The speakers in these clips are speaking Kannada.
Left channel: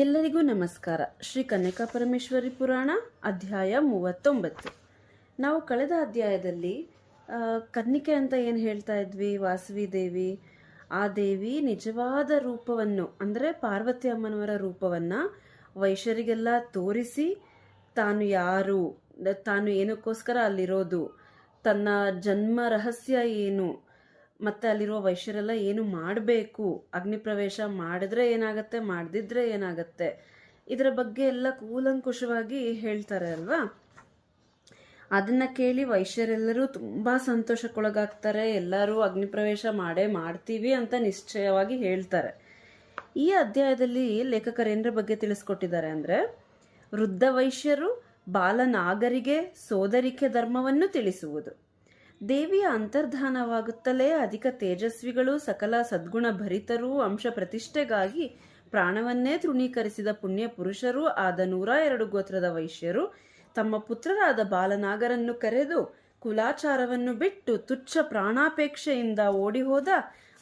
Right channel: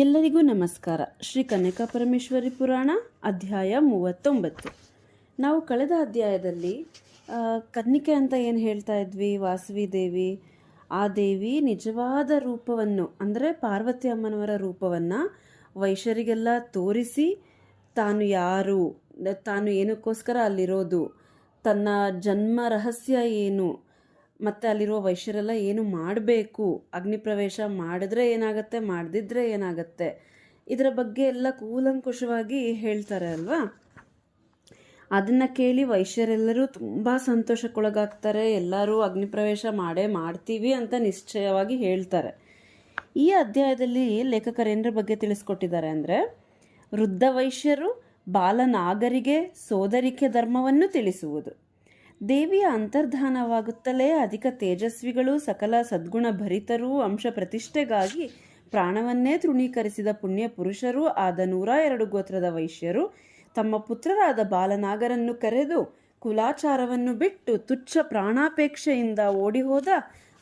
ಎಲ್ಲರಿಗೂ ನಮಸ್ಕಾರ. ಶ್ರೀ ಕನ್ಯಕಾ ಪರಮೇಶ್ವರಿ ಪುರಾಣ ಅಧ್ಯಾಯ 39. ನಾವು ಕಳೆದ ಅಧ್ಯಾಯದಲ್ಲಿ ಕನ್ನಿಕೆ ಅಂತ ಏನು ಹೇಳ್ತಾ ಇದ್ವಿ, ವಾಸವಿ ದೇವಿ, ಆ ದೇವಿ ನಿಜವಾದ ರೂಪವನ್ನು ಅಂದರೆ ಪಾರ್ವತಿ ಅಮ್ಮನವರ ರೂಪವನ್ನು ವೈಶ್ಯರಿಗೆಲ್ಲ ತೋರಿಸಿ ತಾನು ಯಾರು, ತಾನು ಏನಕ್ಕೋಸ್ಕರ ಅಲ್ಲಿರೋದು, ತನ್ನ ಜನ್ಮ ರಹಸ್ಯ ಏನು, ಮತ್ತು ಅಲ್ಲಿರುವ ವೈಶ್ಯರೆಲ್ಲ ಏನು ಮಾಡಬೇಕು, ಅಗ್ನಿ ಪ್ರವೇಶ ಮಾಡಿದ್ರೆ ಏನಾಗುತ್ತೆ, ಮಾಡದಿದ್ರೆ ಏನಾಗುತ್ತೆ, ಇದರ ಬಗ್ಗೆ ಎಲ್ಲ ಕೂಲಂಕುಷವಾಗಿ ಹೇಳ್ತಾರೆ ಅಲ್ವಾ. ಅದನ್ನು ಕೇಳಿ ವೈಶ್ಯರೆಲ್ಲರೂ ತುಂಬ ಸಂತೋಷಕ್ಕೊಳಗಾಗ್ತಾರೆ. ಎಲ್ಲರೂ ಅಗ್ನಿ ಪ್ರವೇಶ ಮಾಡ್ತೀವಿ ಅಂತ ನಿಶ್ಚಯವಾಗಿ ಹೇಳ್ತಾರೆ. ಈ ಅಧ್ಯಾಯದಲ್ಲಿ ಲೇಖಕರೇಂದ್ರ ಬಗ್ಗೆ ತಿಳಿಸ್ಕೊಟ್ಟಿದ್ದಾರೆ ಅಂದರೆ, ವೃದ್ಧ ವೈಶ್ಯರು ಬಾಲನಾಗರಿಗೆ ಸೋದರಿಕೆ ಧರ್ಮವನ್ನು ತಿಳಿಸುವುದು, ದೇವಿಯ ಅಂತರ್ಧಾನವಾಗುತ್ತಲೇ ಅಧಿಕ ತೇಜಸ್ವಿಗಳು, ಸಕಲ ಸದ್ಗುಣ ಭರಿತರೂ, ಅಂಶ ಪ್ರತಿಷ್ಠೆಗಾಗಿ ಪ್ರಾಣವನ್ನೇ ತೃಣೀಕರಿಸಿದ ಪುಣ್ಯ ಪುರುಷರೂ ಆದ 102 ಗೋತ್ರದ ವೈಶ್ಯರು ತಮ್ಮ ಪುತ್ರರಾದ ಬಾಲನಾಗರನ್ನು ಕರೆದು ಕುಲಾಚಾರವನ್ನು ಬಿಟ್ಟು ತುಚ್ಛ ಪ್ರಾಣಾಪೇಕ್ಷೆಯಿಂದ ಓಡಿಹೋದ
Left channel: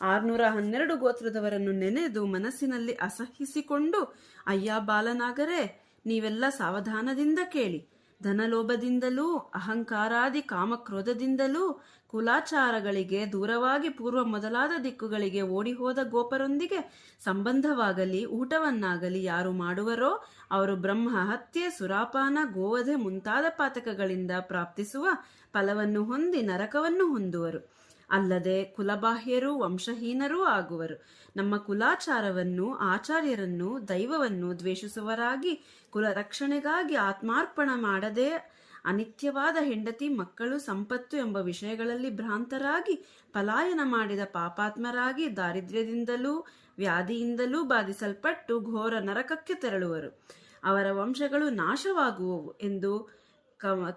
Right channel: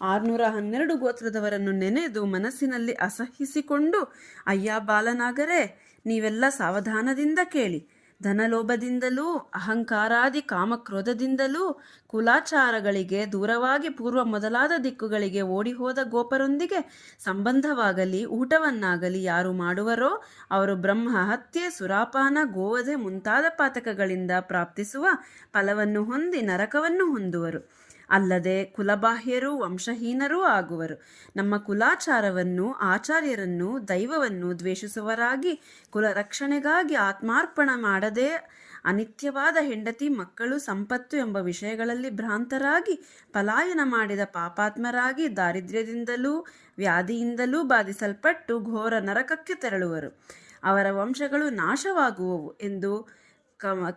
612 ಗೋತ್ರದವರನ್ನು ನೆನೆದು ಮನಸ್ಸಿನಲ್ಲಿ ಅಸಹಿಸಿಕೊಂಡು, ಅಯ್ಯ ಬಾಲನಾಗರೇ, ನೀವೆಲ್ಲ ಸಾವಧಾನದಿಂದ ಕೇಳಿ. ಧನಲೋಭದಿಂದಲೂ ಅಹಂಕಾರಾದಿ ಕಾಮಕ್ರೋಧದಿಂದಲೂ ಕುಲಾಚಾರಗಳಿಗೆ ದೂರವಾಗಿ ಪೂರ್ವ ಮೊದಲಾದ ದಿಕ್ಕುಗಳಿಗೆ ಓಡಿಹೋದ ಗೋಪರೊಂದಿಗೆ ಸಂಬಂಧವಾಗಲಿ ಊಟವನ್ನಾಗಲಿ ಯಾರು ಮಾಡುವರೋ ಅವರು ಬ್ರಹ್ಮ ಹತ್ಯೆ, ಸುರಾಪಾನ, ಗೋವಧೆ ಮುಂತಾದ ಪಾತಕಗಳಿಂದ ಪ್ರಾಪ್ತಿಸುವ ಫಲವನ್ನು ಹೊಂದಿ ನರಕವನ್ನು ಹೊಂದುವರು. ಅಲ್ಲದೆ ಕುಲಬಾಹ್ಯರೂ ವಂಶಹೀನರೂ ಆಗುವರು. ನಮ್ಮ ಕುಲಾಚಾರವನ್ನು, ಆಚಾರ್ಯರನ್ನು, ದೈವವನ್ನು ದ್ವೇಷಿಸುವರಾಗಿ ಕುಲ ರಕ್ಷಣೆಗಾಗಿ ಆತ್ಮಾರ್ಪಣ ಮಾಡದೆ ಅನಿತ್ಯವಾದ ಹೆಂಡತಿ, ಮಕ್ಕಳು, ಸಂಪತ್ತು ಎಂಬ ವಿಷಯಗಳಲ್ಲಿ ಭ್ರಾಂತರಾಗಿ ಪಲಾಯನ ಮಾಡಿದ ಪಾಪಾತ್ಮರಾಗಿ ದಾರಿದ್ರ್ಯದಿಂದಲೂ ವ್ಯಾಧಿಯಿಂದಲೂ ಬಾಧಿಸಲ್ಪಟ್ಟು ಘೋರ ನರಕಕ್ಕೆ ತೆರಳುವರು. ಅವರ ವಂಶಗಳು ನಾಶವಾಗುವವು ಎಂದು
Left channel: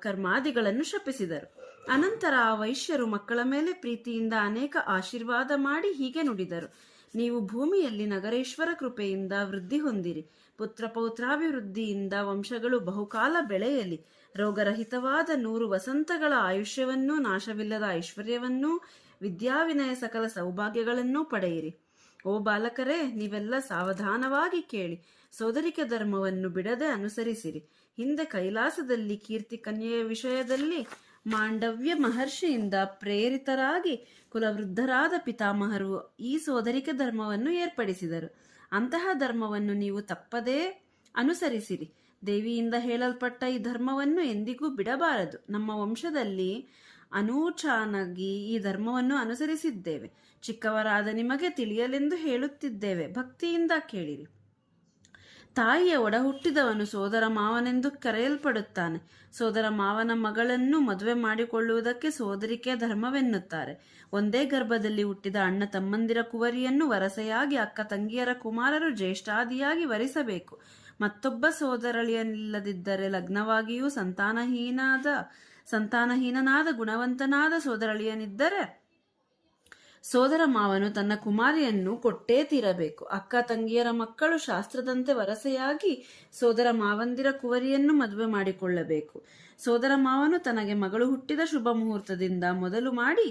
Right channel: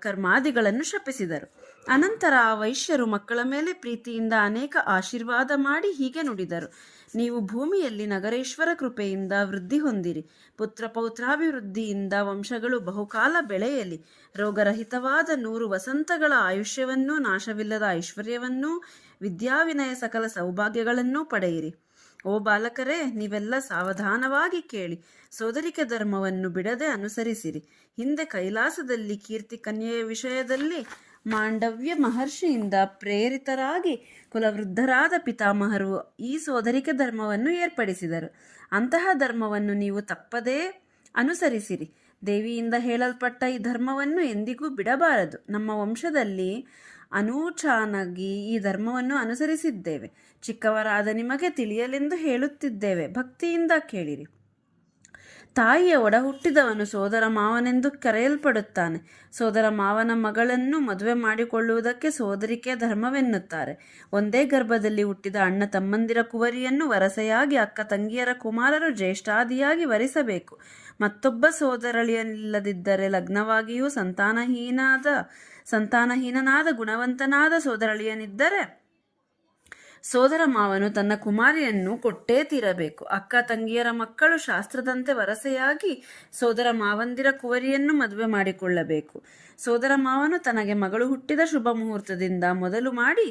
ಕರ್ಮಾದಿಗಳನ್ನು ಶಪಿಸಿದರು. ಅನಂತರ ಆ ವೈಶ್ಯರು ಮಕ್ಕಳ ಮೇಲೆ ಪ್ರೀತಿಯಿಂದ ಅನೇಕ ಆಶೀರ್ವಾದ ಮಾಡಿ ಹೀಗೆ ನುಡಿದರು: ನೀವು ಭೂಮಿಯಲ್ಲಿ ನಗರೇಶ್ವರ ಕೃಪೆಯಿಂದ ವೃದ್ಧಿ ಹೊಂದಿರಿ. ಪುತ್ರ ಪೌತ್ರಾಭಿವೃದ್ಧಿಯಿಂದ ವಂಶಗಳು ಬಹುಕಾಲ ಬೆಳೆಯಲಿ. ರೋಗರಹಿತವಾದ 100 ವಸಂತಗಳ ಆಯುಷ್ಯವನ್ನೂ ನಾಶವಿಲ್ಲದ ಐಶ್ವರ್ಯವನ್ನೂ ವಿದ್ಯಾವಿನಯ ಸಕಲ ಸೌಭಾಗ್ಯಗಳನ್ನೂ ಪಡೆಯಿರಿ. ಓ ಬಾಲಕರೇ, ನೀವೆಲ್ಲ ಸಾವಧಾನವಾಗಿ ಕೇಳಿ. ಸೋದರಿಕೆ ಧರ್ಮವನ್ನು ಬಿಡದೆ ಅನುಸರಿಸಿರಿ. ಹಿಂದೆ ಕೈಲಾಸದಲ್ಲಿ ಕೀರ್ತಿ ಕನ್ಯೆಯ ವಿಷಯದಲ್ಲಿ ಮಾಂಡವ್ಯ ಮಹರ್ಷಿಯಿಂದ ಪ್ರೇರಿತರಾಗಿ ಕುಲವೃದ್ಧರಾದ ಪಿತಾಮಹರು ಈ ಸೋದರಿಕೆ ಧರ್ಮವನ್ನು ಏರ್ಪಡಿಸಿದರು. ಅಂತಹ ಧರ್ಮವನ್ನು ನೀವು ತಪ್ಪದೇ ಅನುಸರಿಸಿರಿ. ದೇವಿಯಿಂದ ಹೇಳಲ್ಪಟ್ಟ ಈ ಧರ್ಮವನ್ನು ಎಂದಿಗೂ ಬಿಡಬಾರದು. ನಮ್ಮ ವಂಶದಲ್ಲಿ ಅನೂಚಾನಾಗಿ ಈ ಧರ್ಮವನ್ನು ಅನುಸರಿಸಿದ್ದೇವೆ. ಚಿಕ್ಕವರಾದ ನಿಮಗೆ ತಿಳಿಯಲೆಂದು ಹೇಳುತ್ತಿದ್ದೇವೆ, ಭಕ್ತಿಯಿಂದ ಕೇಳಿರಿ. ತಾಯಿಯ ಒಡ ಹುಟ್ಟಿದವನು ಸೋದರ ಮಾವನೆಂದು ಕರೆಯಲ್ಪಡುತ್ತಾನೆ. ಸೋದರ ಮಾವನ ಮಗಳನ್ನು ಮದುವೆ ಮಾಡಿಕೊಳ್ಳುವುದಕ್ಕೆ ಸೋದರಿಕೆ ಧರ್ಮವೆನ್ನುತ್ತಾರೆ. ಒಂದೇ ಗರ್ಭದಲ್ಲಿ ಹುಟ್ಟಿದ ಅಣ್ಣ ತಮ್ಮಂದಿರ ಕುವರಿಯನ್ನು ವರಸೆಯಾಗಿ ಅಕ್ಕ ತಂಗಿಯರ ಕುಮಾರರು ಜ್ಯೇಷ್ಠಾದಿಯಾಗಿ ವರಿಸಬೇಕು. ಮತ್ತೊಬ್ಬ ಸೋದರಳಿಯನಿಲ್ಲದಿದ್ದರೆ ಲಗ್ನವಾಗಿಯೂ ಸಂತಾನಹೀನನಾದ ಗುಣವಂತನಾದ ಸೋದರಳಿಯನಿದ್ದರೆ ಸೋದರ ಮಾವನು ತನ್ನ ಕುಮಾರಿಯನ್ನು ಕೊಟ್ಟೇ ತೀರಬೇಕು. ಅಕ್ಕ ತಂಗಿಯರ ಮಕ್ಕಳು ಶಾಸ್ತ್ರದಂತೆ ವರಸೆಯಾಗಿ ಸೋದರ ಮಾವಂದಿರ ಕುವರಿಯನ್ನು ಮದುವೆ ಮಾಡಿಕೊಳ್ಳಬೇಕು. ಸೋದರ ಮಾವನು ತನಗೆ ಮಗಳು ಹುಟ್ಟಿದ ಶುಭ ಮುಹೂರ್ತದಿಂದ ಮೊದಲು ಮಾಡಿ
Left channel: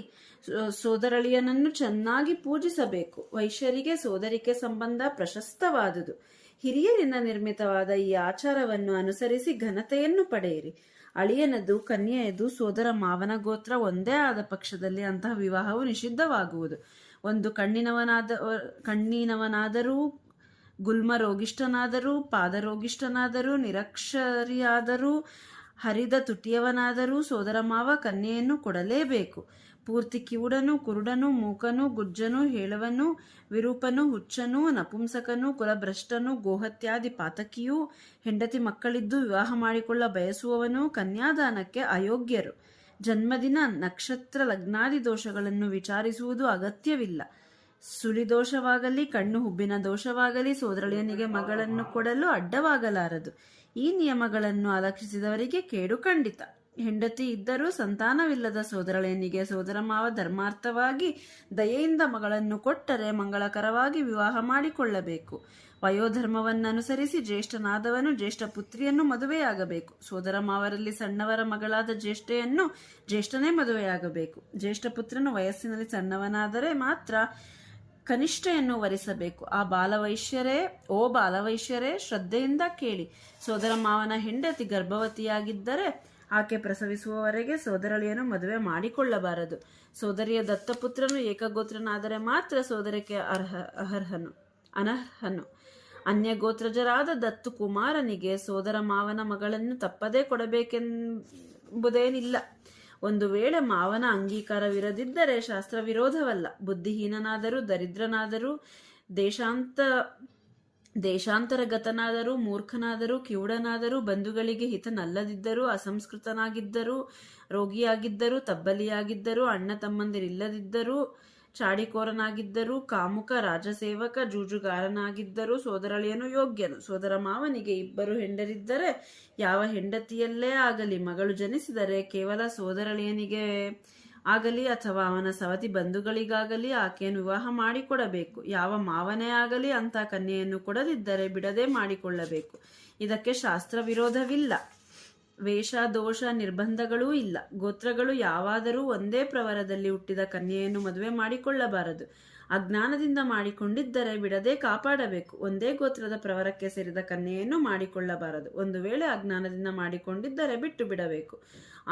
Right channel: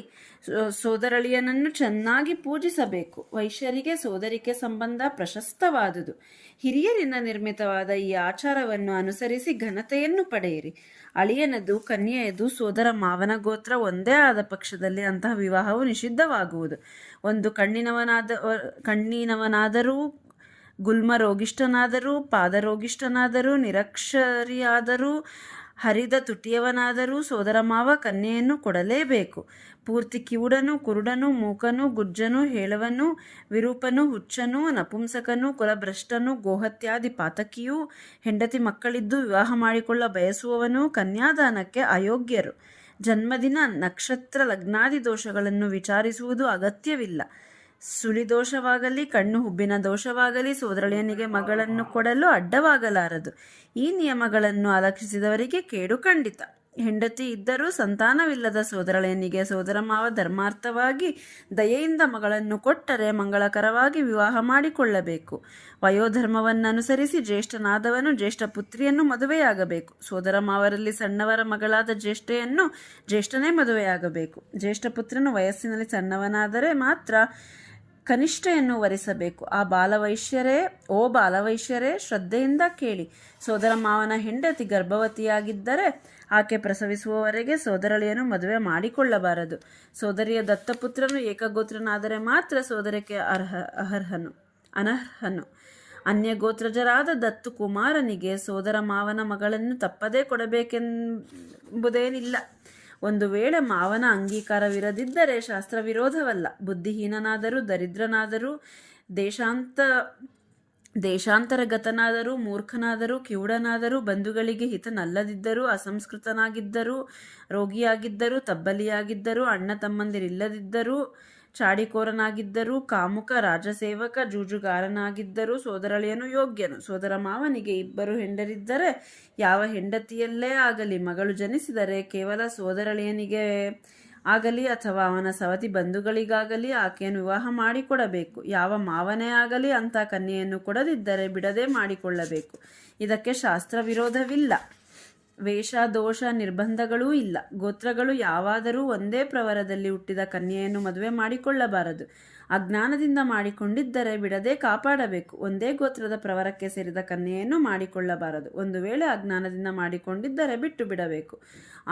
ಸೋದರಳಿಯನನ್ನು ಚೆನ್ನಾಗಿ ಪೂಜಿಸಬೇಕು. ವೈಶ್ಯರಿಗೆ ಸೋದರಿಕೆ ಸಂಬಂಧ ಪ್ರಶಸ್ತವಾದುದು. ಹಿರಿಯರಿಂದ ನಿರ್ಮಿತವಾದ ಈ ಆಚಾರವನ್ನು ಅನುಸರಿಸಿ ಘನತೆಯನ್ನು ಪಡೆಯಿರಿ. ಅಳಿಯನದು ಕನ್ಯೆಯದು ಸೋದರ ಮಾವನ ಗೋತ್ರ ಒಂದೇ ಆದ ಪಕ್ಷದಲ್ಲಿ ಅಂತಹ ವಿವಾಹವು ನಿಷಿದ್ಧವಾಗುವುದು. ಒಂದು ಕಣ್ಣಿನವನಾದರೂ, ಗುಲ್ಮ ರೋಗಿಷ್ಠನಾದರೂ, ಪಾದರೋಗಿಷ್ಠನಾದರೂ, ನಿರಕ್ಷರಿಯಾದರೂ, ಹರಿದ ತುಟಿಯವನಾದರೂ ಸೋದರ ಮಾವ ಕನ್ಯೆಯನ್ನು ಕೊಡಲೇಬೇಕು. ಪೂರ್ತಿ ಕಿವುಡನು, ಕುರುಡನು, ಮೂಕನು, ಗುಜ್ಜನು, ಹೇಳವನು, ವಿರೂಪನು, ಹುಚ್ಚನು, ನಪುಂಸಕನು, ಕುಲಭ್ರಷ್ಟನು, ಗೋಹತ್ಯಾದಿ ಪಾತಕಿಯೂ, ಹೆಂಡತಿ ಮಕ್ಕಳಿದ್ದು ವಿವಾಹ ಮಾಡಿಕೊಳ್ಳ ಬಯಸುವವನು ಕನ್ಯಾದಾನಕ್ಕೆ ಅಯೋಗ್ಯರು. ಜನ್ಮದಿನ, ನಕ್ಷತ್ರ, ಲಗ್ನಾದಿ ದೋಷಗಳನ್ನು ವಿಚಾರಿಸುವುದು ಅಗತ್ಯವಿಲ್ಲ. ಸುಳಿದೋಷವಾಗಲಿ ಕಣ್ಣು ಹುಬ್ಬಿನ ದೋಷವಾಗಲಿ ಸೋದರಳಿಯನಿಗೆ ಮಗಳನ್ನು ಕೊಡಲು ಅಡ್ಡವಾಗಲಾರದು. ಈ ನಿಯಮಗಳನ್ನು ಅಲಕ್ಷಿಸಿದವರಿಗೆ ಕೇಡು ಖಂಡಿತ. ಹೆಂಡತಿ ಇದ್ದರೂ ಸಂತಾನವಿಲ್ಲದ ಸೋದರಳಿಯನಿಗೆ ಸೋದರ ಮಾವ ಧರ್ಮಾರ್ಥವಾಗಿ ದಯೆಯಿಂದ ಮಗಳನ್ನು ಕೊಟ್ಟರೆ ಮಂಗಳಕರವಾಗಿ ವಿವಾಹ ಮಾಡಿಕೊಳ್ಳಬೇಕು. ವಯೋಧರ್ಮವನ್ನನುಸರಿಸಿ ಜ್ಯೇಷ್ಠನಾದವನು ಜ್ಯೇಷ್ಠ ಪುತ್ರಿಯನ್ನು ಮದುವೆಯಾಗಬೇಕು. ಸೋದರ ಮಾವರಲ್ಲಿ ಸಣ್ಣವರ ಮಗಳಾದ ಜ್ಯೇಷ್ಠೆಯನ್ನು ಜ್ಯೇಷ್ಠನೇ ಮದುವೆಯಾಗಬೇಕು. ಜ್ಯೇಷ್ಠ ಪುತ್ರನು ವಯಸ್ಸಿನಲ್ಲಿ ಸಣ್ಣವನಾದರೆ ಮಾತ್ರ ಕನಿಷ್ಠೆಯನ್ನು ವರಿಸಬೇಕು. ಓ ಬಾಲವೈಶ್ಯರೇ, ಶ್ರದ್ಧೆಯಿಂದ ಕೇಳಿ. ಸೋದರ ಮಾವನ ಹೆಂಡತಿ ಗರ್ಭವತಿಯಾಗಿದ್ದರೆ ಆಕೆ ಪ್ರಸವಿಸುವವರೆಗೆ ಸೋದರಳಿಯನ್ನು ಮದುವೆ ಮಾಡಿಕೊಳ್ಳಬಾರದು. ಸೋದರಿಯ ದತ್ತಪುತ್ರನು ಏಕಗೋತ್ರನಾದರೆ ಮಾತ್ರ ಸೋದರಕ್ಕೆ ಅನರ್ಹನು. ಅನ್ಯಗೋತ್ರಜರಾದ ದತ್ತು ಕುಮಾರನಿಗೆ ಸೋದರ ಮಾವನ ಮಗಳನ್ನು ತಪ್ಪದೇ ಕೊಡಬೇಕೆಂಬುದೇನಿಲ್ಲ. ಒಂದು ವೇಳೆ ಮಾವನ ಅಂಗೀಕಾರವಿರದಿದ್ದರೆ ಶಾಸ್ತ್ರ ವಿರೋಧವಲ್ಲ. ಬುದ್ಧಿಹೀನನಾದರೂ, ದರಿದ್ರನಾದರೂ, ದೇಶಾಂತರಗತನಾದರೂ, ಮೂರ್ಖನಾದರೂ, ಕಿವುಡನಾದರೂ, ಬಂಧುಗಳಿಗೆ ಹಿತನಲ್ಲದಿದ್ದರೂ, ಅಸಂಸ್ಕೃತನಾಗಿದ್ದರೂ, ರೋಗಿಯಾಗಿದ್ದರೂ, ತಬ್ಬಲಿಯಾಗಿದ್ದರೂ, ಅಣ್ಣ ತಮ್ಮಂದಿರಿಲ್ಲದಿದ್ದರೂ, ಚಾಡಿಕೋರನಾಗಿದ್ದರೂ, ಕಾಮುಕ, ರಾಜಸೇವಕ, ಜೂಜುಗಾರನಾಗಿದ್ದರೂ ಸೋದರಳಿಯನು ಯೋಗ್ಯನು. ಸೋದರ ಮಾವನಿಗೆ 2 ಹೆಂಡರಿದ್ದರೆ ಯಾವ ಹೆಂಡತಿಯಲ್ಲೇ ಆಗಲಿ ಮಗಳು ಜನಿಸಿದರೆ ಕೇವಲ ಸೋದರಳಿಯನಿಗೆ ಆಗಲಿ ಅಥವಾ ಅವನ ಸವತಿ ಬಂಧುಗಳಿಗಾಗಲಿ ಆಕೆಯನ್ನು ವಿವಾಹ ಮಾಡಿಕೊಡಬೇಕು. ಯಾವ ಮಾವನೇ ಆಗಲಿ ಅಂಥ ಕನ್ಯೆಯನ್ನು ಕೊಡದಿದ್ದರೆ ಬಿಡದೆ ಮಾಡಿಕೊಳ್ಳಬೇಕು. ಇದಕ್ಕೆ ಶಾಸ್ತ್ರ ವಿರೋಧವಿಲ್ಲ. ವೇಷ, ದೋಷ, ನಿರ್ಬಂಧಗಳೂ ಇಲ್ಲ. ಗೋತ್ರಗಳು ಯಾವಾದರೂ ಒಂದೇ ಪ್ರವರದಲ್ಲಿ ಹುಟ್ಟಿದ ಕನ್ಯೆಯನ್ನು ಮದುವೆ ಮಾಡಿಕೊಳ್ಳಬಾರದು. ಅಜ್ಞಾನದಿಂದ ಮಾಡಿಕೊಂಡಿದ್ದರೆ ಬಿಡದೆ ಕಾಪಾಡಬೇಕು. ಒಂದೇ ಗೋತ್ರದ ಪ್ರವರಕ್ಕೆ ಸೇರಿದ ಕನ್ಯೆಯನ್ನು ಮಾಡಿಕೊಳ್ಳಬಾರದು. ಒಂದು ವೇಳೆ ಅಜ್ಞಾನದಿಂದ ಮಾಡಿಕೊಂಡಿದ್ದರೆ ಬಿಟ್ಟು ಬಿಡಬೇಕು.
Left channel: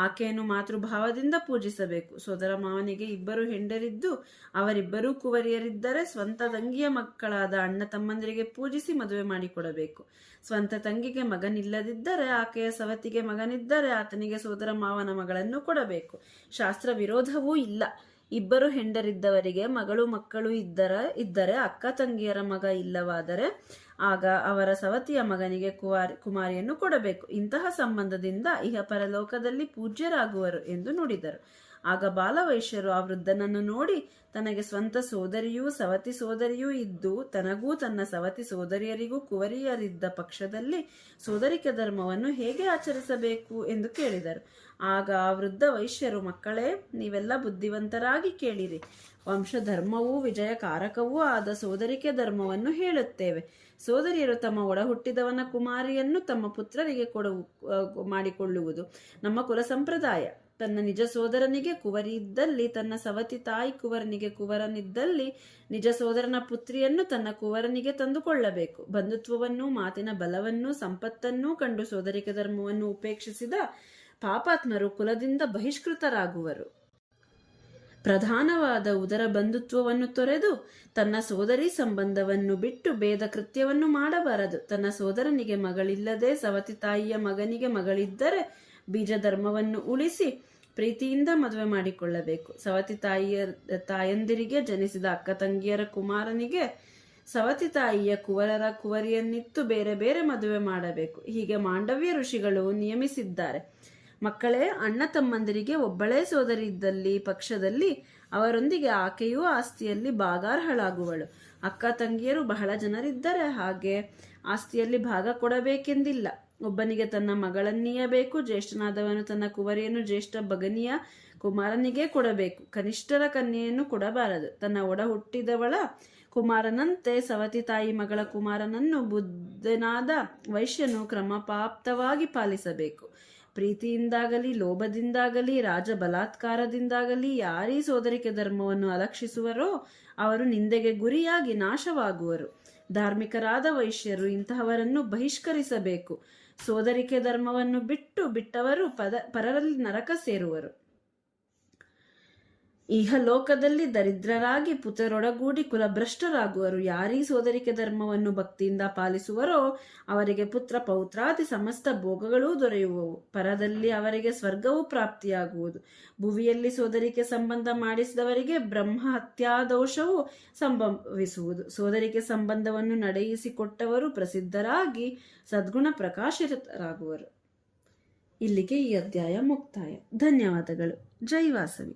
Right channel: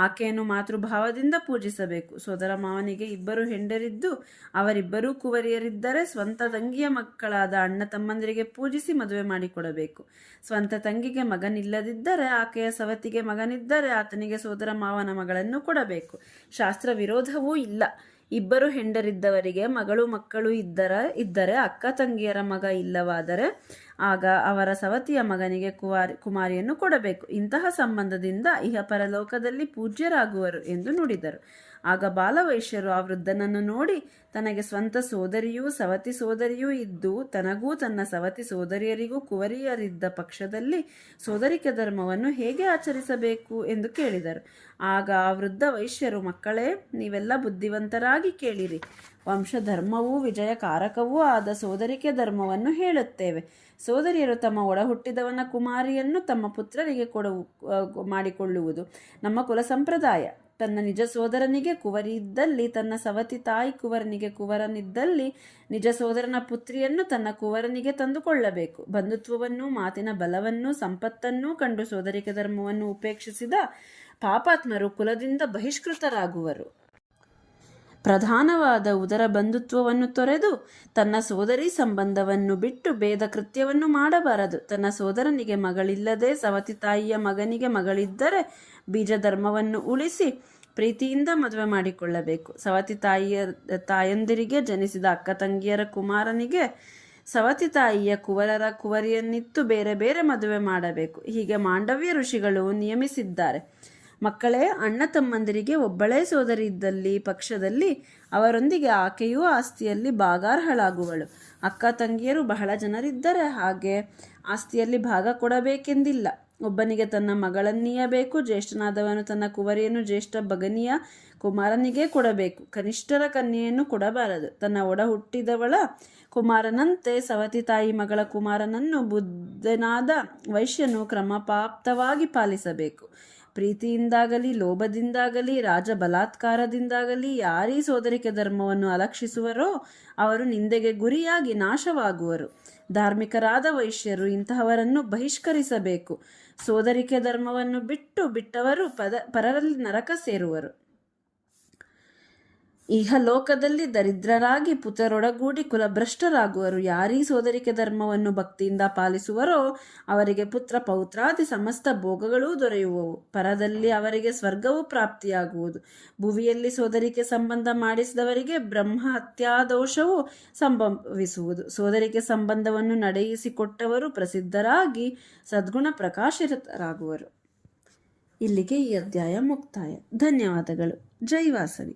ಆಕೆಯನ್ನು ಮಾತೃಭಾವದಿಂದ ಪೂಜಿಸಬೇಕು. ಸೋದರ ಮಾವನಿಗೆ 2 ಹೆಂಡರಿದ್ದು ಅವರಿಬ್ಬರೂ ಕುವರಿಯರಿದ್ದರೆ ಸ್ವಂತ ತಂಗಿಯ ಮಕ್ಕಳಾದ ಅಣ್ಣ ತಮ್ಮಂದಿರಿಗೆ ಪೂಜಿಸಿ ಮದುವೆ ಮಾಡಿಕೊಡಬೇಕು. ಸ್ವಂತ ತಂಗಿಗೆ ಮಗನಿಲ್ಲದಿದ್ದರೆ ಆಕೆಯ ಸವತಿಗೆ ಮಗನಿದ್ದರೆ ಆತನಿಗೆ ಸೋದರ ಮಾವನ ಮಗಳನ್ನು ಕೊಡಬೇಕು. ಶಾಸ್ತ್ರ ವಿರೋಧವೂ ಇಲ್ಲ. 2 ಹೆಂಡರಿದ್ದವರಿಗೆ ಮಕ್ಕಳು ಇದ್ದರೆ ಅಕ್ಕ ತಂಗಿಯರ ಮಗ ಇಲ್ಲವಾದರೆ ಆಗ ಅವರ ಸವತಿಯ ಮಗನಿಗೆ ಕುಮಾರಿಯನ್ನು ಕೊಡಬೇಕು. ಇಂತಹ ಸಂಬಂಧದಿಂದ ಇಹಪರಲೋಕದಲ್ಲಿ ಪೂಜ್ಯರಾಗುವರು ಎಂದು ನುಡಿದರು. ಆಗ ಬಾಲವೈಶ್ಯರು ಆ ವೃದ್ಧನನ್ನು ನೋಡಿ, ತನಗೆ ಸ್ವಂತ ಸೋದರಿಯೂ ಸವತಿ ಸೋದರಿಯೂ ಇದ್ದು ತನಗೂ ತನ್ನ ಸವತಿ ಸೋದರಿಯರಿಗೂ ಕುವರಿಯರಿದ್ದ ಪಕ್ಷದಲ್ಲಿ ಸೋದರಿಕೆ ಧರ್ಮವನ್ನು ಹೇಗೆ ಆಚರಿಸಬೇಕು ಎಂದು ಕೇಳಿದರು. ಆಗ ಆ ವೃದ್ಧ ವೈಶ್ಯರು, ಮಕ್ಕಳೇ, ನೀವೆಲ್ಲ ಬುದ್ಧಿವಂತರಾಗಿ ಕೇಳಿರಿ. ವಂಶಧರ್ಮವೂ ವಿಜಯಕಾರಕವೂ ಆದ ಸೋದರಿಕೆ ಧರ್ಮವನ್ನು ಹೇಳುತ್ತೇವೆ. ಸೋದರಿಯರು ತಮ್ಮ ಒಡಹುಟ್ಟಿದವನ ಕುಮಾರಿಯನ್ನು ತಮ್ಮ ಪುತ್ರರಿಗೆ ಮಾಡಿಕೊಳ್ಳುವುದು ನಮ್ಮ ಕುಲ ಸಂಪ್ರದಾಯ. ತನ್ನ ನಿಜ ಸೋದರನಿಗೆ ಕುವರಿ ಇದ್ದಲ್ಲಿ ತನ್ನ ಸವತಿ ತಾಯಿ ಕುವರನಿಗೆ ಕುವರನಿದ್ದಲ್ಲಿ ನಿಜ ಸೋದರನ ಪುತ್ರಿಯನ್ನು ತನ್ನ ಕುವರನಿಗೆ ತಂದುಕೊಳ್ಳಬೇಕು. ಬಂಧುತ್ವವನ್ನು, ಮಾತಿನ ಬಲವನ್ನು, ಸಂಪತ್ತನ್ನೂ ಕಂಡು ಸೋದರಿಕೆ ಧರ್ಮವನ್ನು ಉಪೇಕ್ಷಿಸಿದ ಪಾಪಾತ್ಮರು ಕುಲದಿಂದ ಬಹಿಷ್ಕೃತರಾಗುವರು. ಪ್ರಧಾನವಾದ ಉದರ ಬಂಧುತ್ವವನ್ನು ತೊರೆದು ತನ್ನ ಸೋದರಿ ಸಂಬಂಧವನ್ನು ಬಿಟ್ಟು ಭೇದ ಕೃತ್ಯವನ್ನು ಮಾಡಬಾರದು. ತನ್ನ ಸೋದರನಿಗೆ ಮಗಳಿಲ್ಲದೆ ಸವತಿ ತಾಯಿಯ ಮಗನಿಗೆ ಮಗಳಿದ್ದರೆ ಬೀಜ ಧರ್ಮವನ್ನು ಉಳಿಸಿ ಪ್ರೀತಿಯಿಂದ ಮದುವೆ ಮಾಡಿಕೊಳ್ಳಬೇಕು. ಸವತಿ ತಾಯಂದಿರಿಗೆ ಜನಿಸಿದ ಅಕ್ಕ ತಂಗಿಯರ ಕುಮಾರನಿಗೆ ಸವತಿ ತಾಯಿಯ ಕುವರಿಯನ್ನಿತ್ತು ಬೇರೆ ಬೇರೆ ಮದುವೆ ಮಾಡಬೇಕು. ಹೀಗೆ ಮಾಂಡವ್ಯ ಋಷಿಗಳು ನಿಯಮಿಸಿದ್ದಾರೆ. ಮಕ್ಕಳೇ, ಅಣ್ಣ ತಮ್ಮಂದಿರಿಗೆ ಒಬ್ಬಳೇ ಸೋದರಿ ಇದ್ದಲ್ಲಿ ಪಕ್ಷದಲ್ಲಿ ಅವರೊಂದಿಗೆ ಆಕೆಯೂ ಆಸ್ತಿಯಲ್ಲಿ ಭಾಗಾರ್ಹಳಾಗುವಳು. ಅಕ್ಕ ತಂಗಿಯರು ಬಹಳ ಜನರಿದ್ದರೆ ಹಾಗೆ ಆಸ್ತಿಯಲ್ಲಿ ಭಾಗ ಕೊಡಬೇಕೆಂದಿಲ್ಲ. ಒಬ್ಬನಿಗೆ ತನ್ನ ಮಗಳನ್ನೀಯಬೇಕು. ಜ್ಯೇಷ್ಠನಾದವನು ತನ್ನ ಕುವರಿಯನ್ನು ಜ್ಯೇಷ್ಠ ಭಗನಿಯ ಕುಮಾರನಿಗೆ ಕೊಡಬೇಕು. ಕನಿಷ್ಠರ ಕನ್ಯೆಯನ್ನು ಕೊಡಬಾರದು. ತನ್ನ ಒಡ ಹುಟ್ಟಿದವಳ ಕುಮಾರನಂತೆ ಸವತಿ ತಾಯಿ ಮಗಳ ಕುಮಾರನನ್ನು ಬುದ್ಧನಾದ ವೈಶ್ಯನು ಕ್ರಮಪಾಪ್ತವಾಗಿ ಪಾಲಿಸಬೇಕು. ಪ್ರೀತಿಯಿಂದಾಗಲಿ ಲೋಭದಿಂದಾಗಲಿ ರಾಜ ಬಲಾತ್ಕಾರದಿಂದಾಗಲಿ ಯಾರೀ ಸೋದರಿಕೆ ಧರ್ಮವನ್ನು ಅಲಕ್ಷಿಸುವರೋ ಅವರು ನಿಂದೆಗೆ ಗುರಿಯಾಗಿ ನಾಶವಾಗುವರು. ಧಾರ್ಮಿಕರಾದ ವೈಶ್ಯರು ಇಂತಹವರನ್ನು ಬಹಿಷ್ಕರಿಸಬೇಕು. ಸೋದರಿಕೆ ಧರ್ಮವನ್ನು ಬಿಟ್ಟವರು ಪರರಲ್ಲಿ ನರಕ ಸೇರುವರು. ಇಹಲೋಕದಲ್ಲಿ ದರಿದ್ರರಾಗಿ ಪುತ್ರರೊಡಗೂಡಿ ಕುಲಭ್ರಷ್ಟರಾಗುವರು. ಯಾರೀ ಸೋದರಿಕೆ ಧರ್ಮವನ್ನು ಭಕ್ತಿಯಿಂದ ಪಾಲಿಸುವರೋ ಅವರಿಗೆ ಪುತ್ರ ಪೌತ್ರಾದಿ ಸಮಸ್ತ ಭೋಗಗಳೂ ದೊರೆಯುವವು. ಪರದಲ್ಲಿ ಅವರಿಗೆ ಸ್ವರ್ಗವೂ ಪ್ರಾಪ್ತಿಯಾಗುವುದು. ಭುವಿಯಲ್ಲಿ ಸೋದರಿಕೆ ಸಂಬಂಧ ಮಾಡಿಸಿದವರಿಗೆ ಬ್ರಹ್ಮ ಹತ್ಯಾದೋಷವೂ ಸಂಭವಿಸುವುದು. ಸೋದರಿಕೆ ಸಂಬಂಧವನ್ನು ನಡೆಯಿಸಿಕೊಟ್ಟವರು ಪ್ರಸಿದ್ಧರಾಗಿ ಸದ್ಗುಣ ಪ್ರಕಾಶಿತರಾಗುವರು. ಇಲ್ಲಿಗೆ ಈ ಅಧ್ಯಾಯ ಮುಕ್ತಾಯ. ಧನ್ಯವಾದಗಳು. ಜೈ ವಾಸವಿ.